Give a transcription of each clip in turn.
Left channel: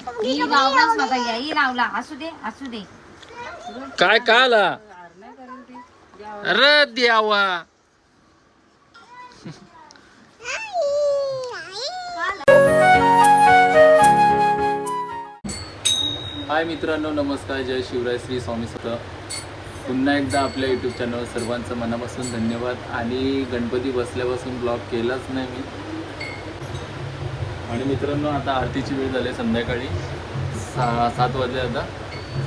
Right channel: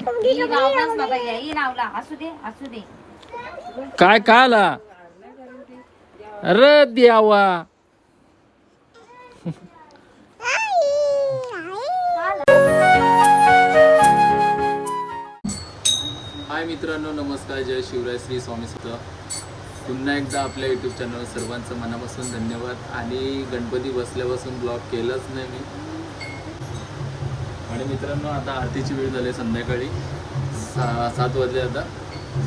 ही लावलाच नका या. ही लावला असू दे असू दे. काय काय आला अरे द्यावा. हाय मित्रांनो नमस्कार. जय शिवराय श्री स्वामी स्वतः पुन्हा एकदा आपल्या यूट्यूब चॅनल सर्वांचं मनापासून धन्यवाद. आणि गणपती बसल्यापासून ब्लॉग केलाच नाही मी. आणि मित्रांनो आता आरतीची वेळ झाली संध्याकाळी. सा सात वाजले आता.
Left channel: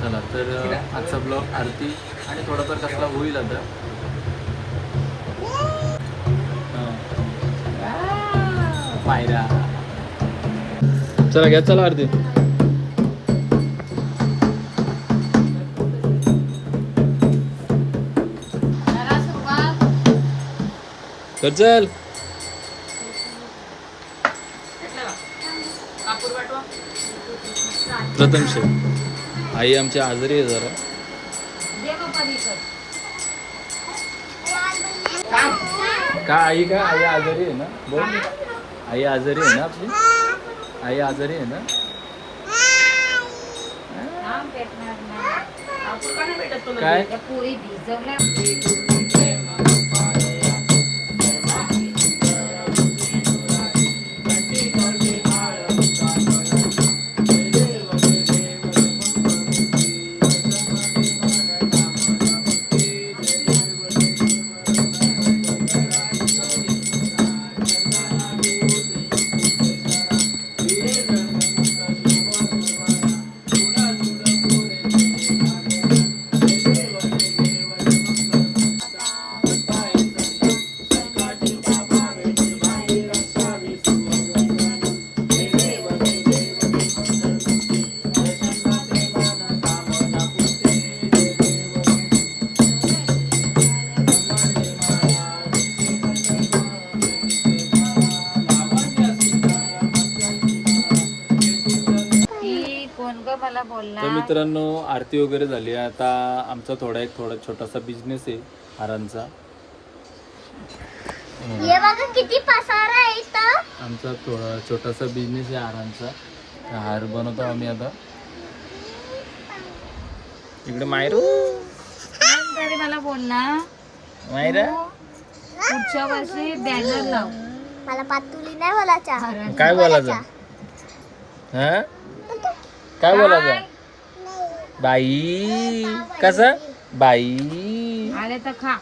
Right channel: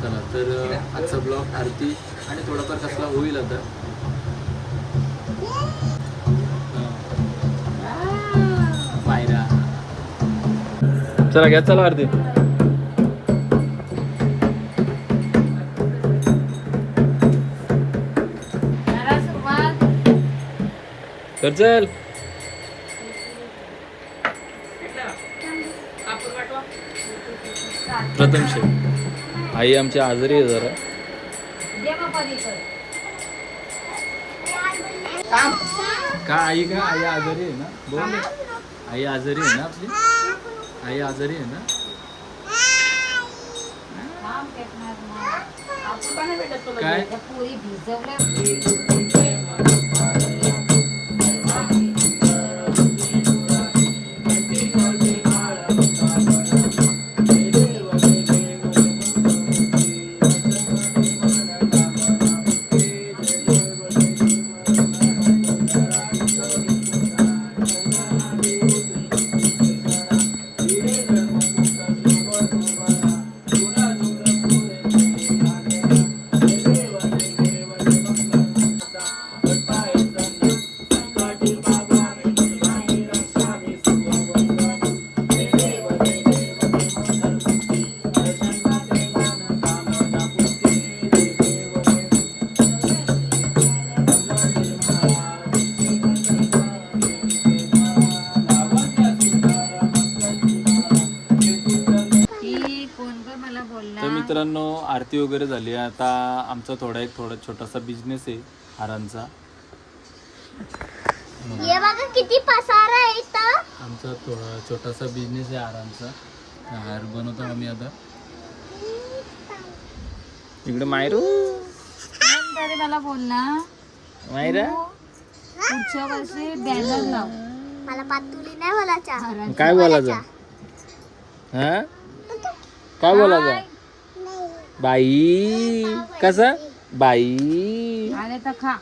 चला तर आजचा ब्लॉग आरती आणि थोडाफार कसला होईल आता. हा. चला घ्या चला आरती. तर चल. प्रथम शेव आई आमची आजारी आहे जरा. का आई का? आई आजारी आहे ना? बोल. ना. आई आजारी आहे ना आपली? आई आजारी आहे ना. काय? मला तर मित्रांनो आरती वगैरे झाली. आता आमचा थोडा एक थोडा छोटासा बिझनेस आहे हारांचा हे बघा किती पसारा आहे इथं. आमचा थोडा छोटासा बिझनेस आहे हारांचा तर हार बनवतो आम्ही आता. इकडे मायरू. तरी मला बोलला. मायरा. पुढच्या वर्षी बॅनर लाव. मला पातुली नाही बोलायच्या काय बोलायचं? हा? काय बोलायचं? बाई. कसं? बाई. आले तर खा.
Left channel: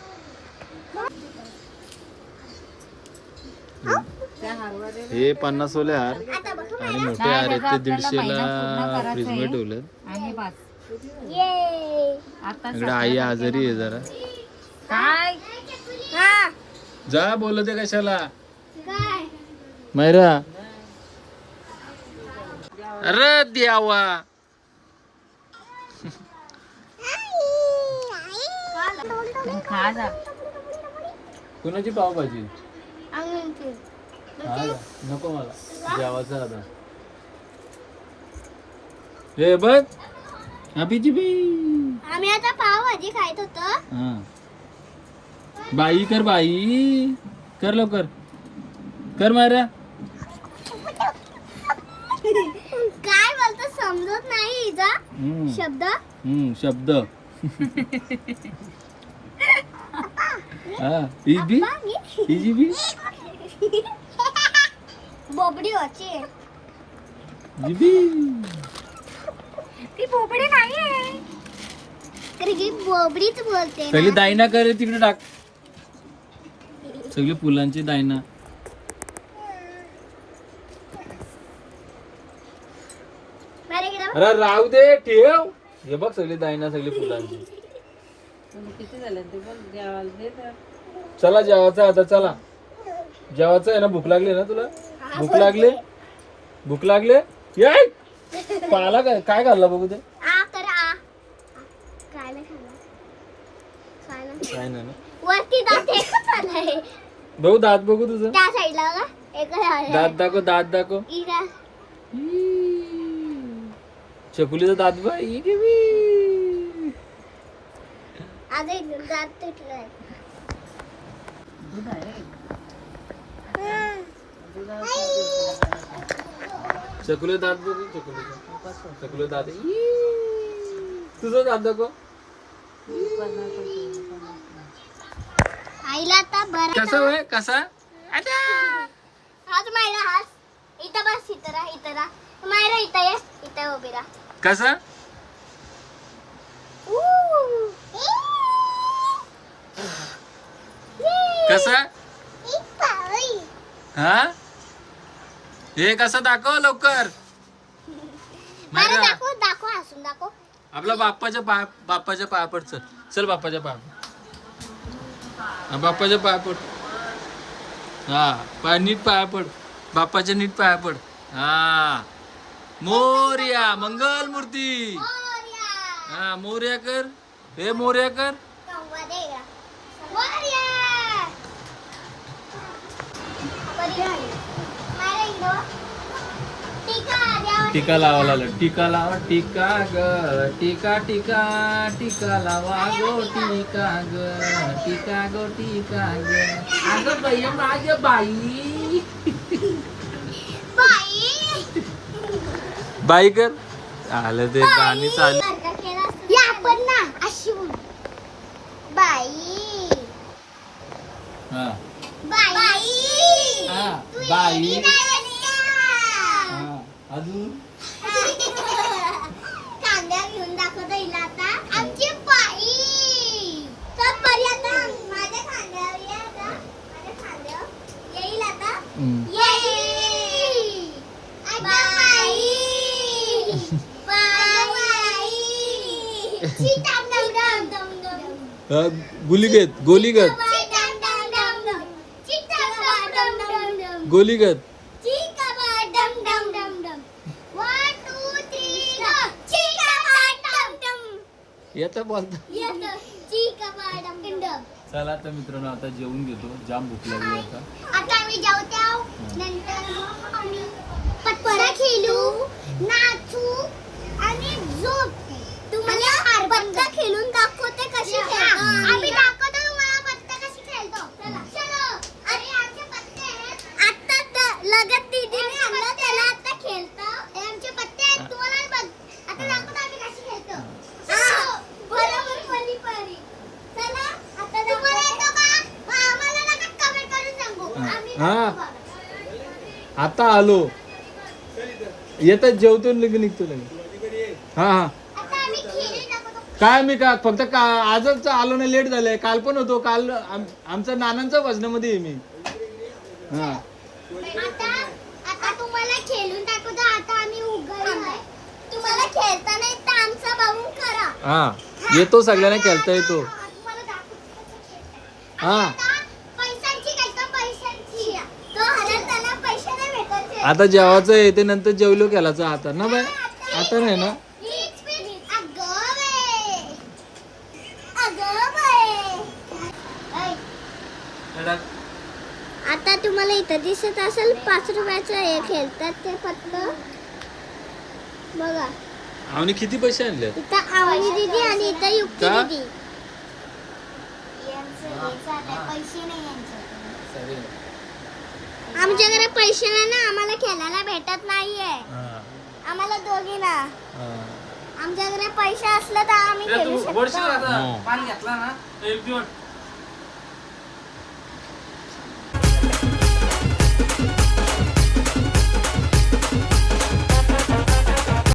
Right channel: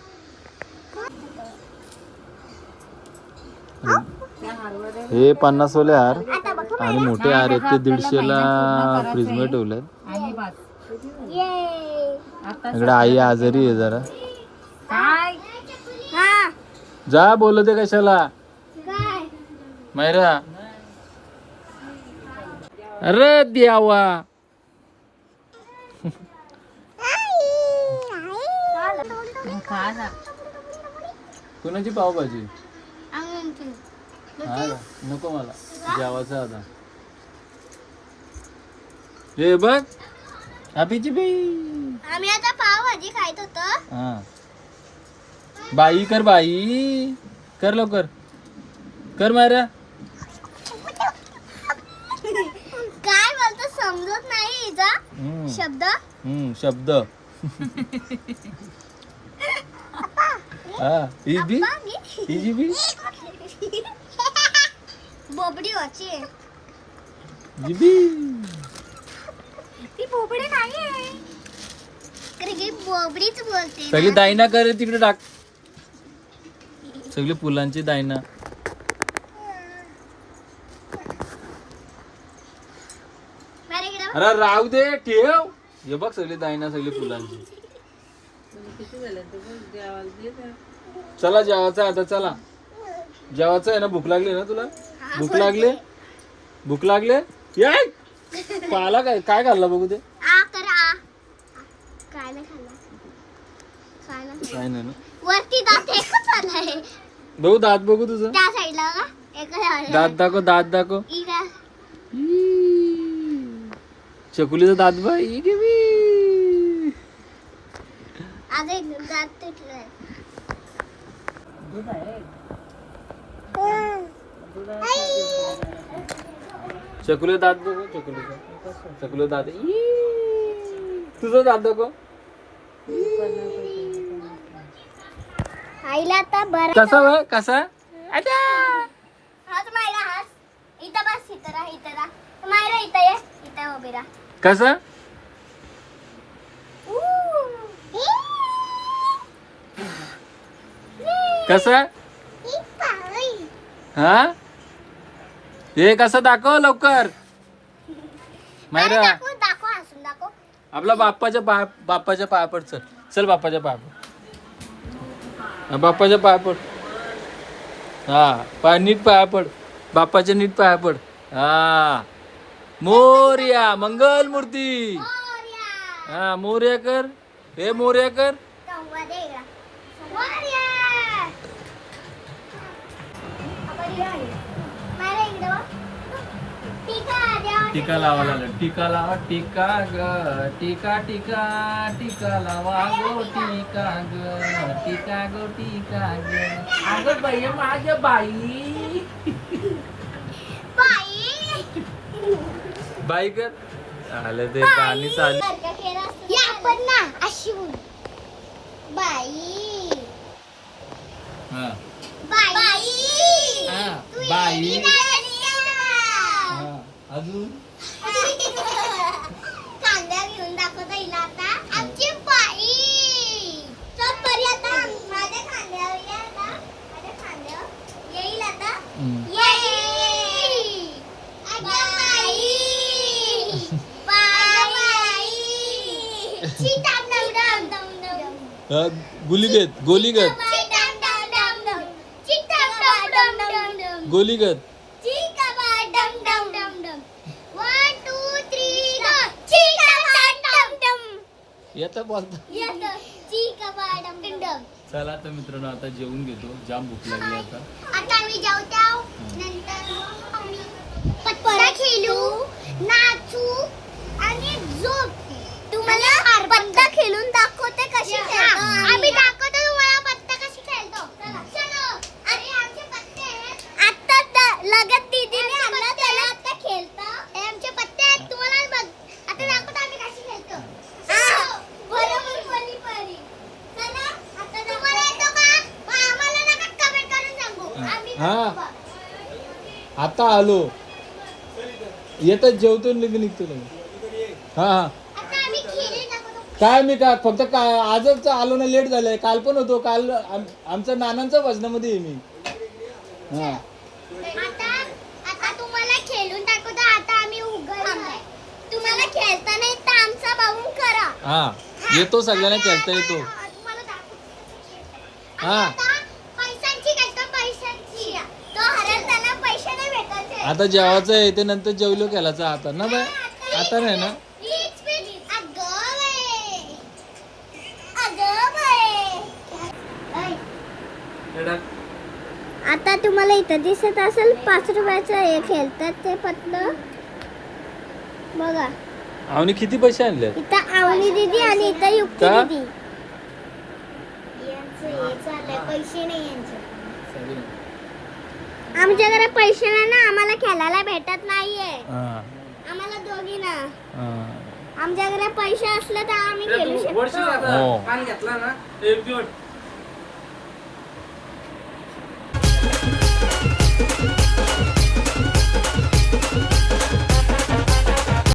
त्या हरवड्या हे पन्नास वाले हार आणि मोठे हार आहेत ते दीडशेला फ्रीज ये आता इकडे आई आजारी आहे जरा. हा. जा बोलते कशाला. काय? मैरा अरे द्यावा. कुणाची पावभाजी? हा? नको मला. जेवायचं आता. हे बघ. हॅपीची बाई आम्ही आता पावभाजी खायत होतो. हा. बाई कर बाई. कर लवकर. कर मायरा. बोलतो समजत नाही हम्म, शब्द? हम्म, शब्द. हा बी? हिची बी? बोबडी ती बोबडी नाहीये. तर ही बोबडीच बोलते सगळी दायना कर तिकडे टाक. सगळी फुलांची दायना माझ्या इकडं अरे राहू दे ठेव. हे बघ सगळी दायना सगळी फुलांची. चला जेवायचं आहे आता चला. जेवायचं आहे ना भूक लागली ना तुला? भूक लागली? भूक लागले? पाला काय काय घालला बघू ते? आ कर आ. काय नाही खाल्ला. काय नाही काय नाही ना? वरती दात एकच आलाय. बघू दात बघू तुझं. त्या साईडला बघा. एका दात दाखव दात दाखव. इकडं. चकुलीचा दात बघ ई गे बी. आज दात तुटलाय चकुले दात बघ चकुले चकुले दात. तुझं दात दाखव आईला आता बरं कसा वय? कसा? अच्छा हाच मायरा हाच इथं बस इथं राहा इथं राहा. मायरा इथं ये इथं उभी राहा. कसं? कसं? हा? हे कसं दाखव लवकर. मायरा. दाखव आपला बाप्पाच्या पाय बाप्पाच्या पाया पड चल. चल बाप्पाच्या पाया पड. हा, बाप्पाच्या पाया पड. हा पाय नीट पाया पड. बाप्पाच्या नीट पाया पड. हा. मोर्या मंगल मूर्ती. हा मोर्या कर. हे मोर्या कर. टीका लावा लागलं. टिका लावा टिका ग. टिका टिका टिका लावा गो टिका ग. टिका गो टिका ग. अगं बाई माझ्या बाई. बाई कर. आलं ते गाणी चालू. या आपण ना अशी बोल. बाई. हा. बाई. हा. बाई? हा. अजून? Chikaba dum dum. येतं बोलता. चला तर मित्रांनो आता जेवून घेतो. जाम भूक लागली आता. आता आम्ही जेवतो. नंतर आम्ही पत्ता खेळू नाचू आणि झोपू. तुम्हाला पत्ता खेळून दाखवते कशी खेळतो. आम्ही दाखवतो तुम्हाला पत्ता कशी खेळतो. चलो. आणि आमचे पत्ते आहेत आता द- लगत दीदीने आणलं त्याला आता खेळतो. हे आमचे पत्ते आहेत तुम्हाला बघ. आता दाखवतो आम्ही कशी खेळतो. बरोबर परी परी. चला. आता तुम्हाला येतो का? मग आम्हाला नका कमेंट करून सांगू. आम्ही. दाखवू बघ. आता आलो. येतात जेवतो लगेच निघतो लगेच. हा हा आता आम्ही खेळी दाखवतो काय मी का फक्त का आजच आलो ना लेट झालंय. काल पण होतो. काल आम- आमच्या नानांच्या वजनामध्ये आहे मी. हा. आता आता तुम्हाला खेळून दाखवतो. आता आम्ही उघडलोय. तुम्हाला खेळता नाही तर आमचा बघून करा. हा. येतो सगळ्यांना खेळता येतो. तुम्हाला दाखवतो. हा. आता पैशांची खेळतो पैशांची. तो हरत त्याला पैसे नाही भेटायचे आता जेवायचं आहे ते नंतर जेवलो केलाचा आता ना बाय आता नाही ना हीच पिढी. अगं बाई. अगं बाई. ऐ, आता तुम्हाला इथं दिसत असेल पाच रुपयाचं हे खेळतात ते पतलं बघा. आवनी किती पैसे आणले? इथं आवनी दिदी आणि इथं युक्ती का? दिदी. यांचं पैसे नाही यांचे आमच्याकडे पैसे नाही ना आम्हाला खेळायला भेटत नाहीये. आम्हाला दोघी ना. आमच्याकडे पैसे असले तर आम्ही खेळू शकतो. हो. पान घेतला ना. एक दिवस.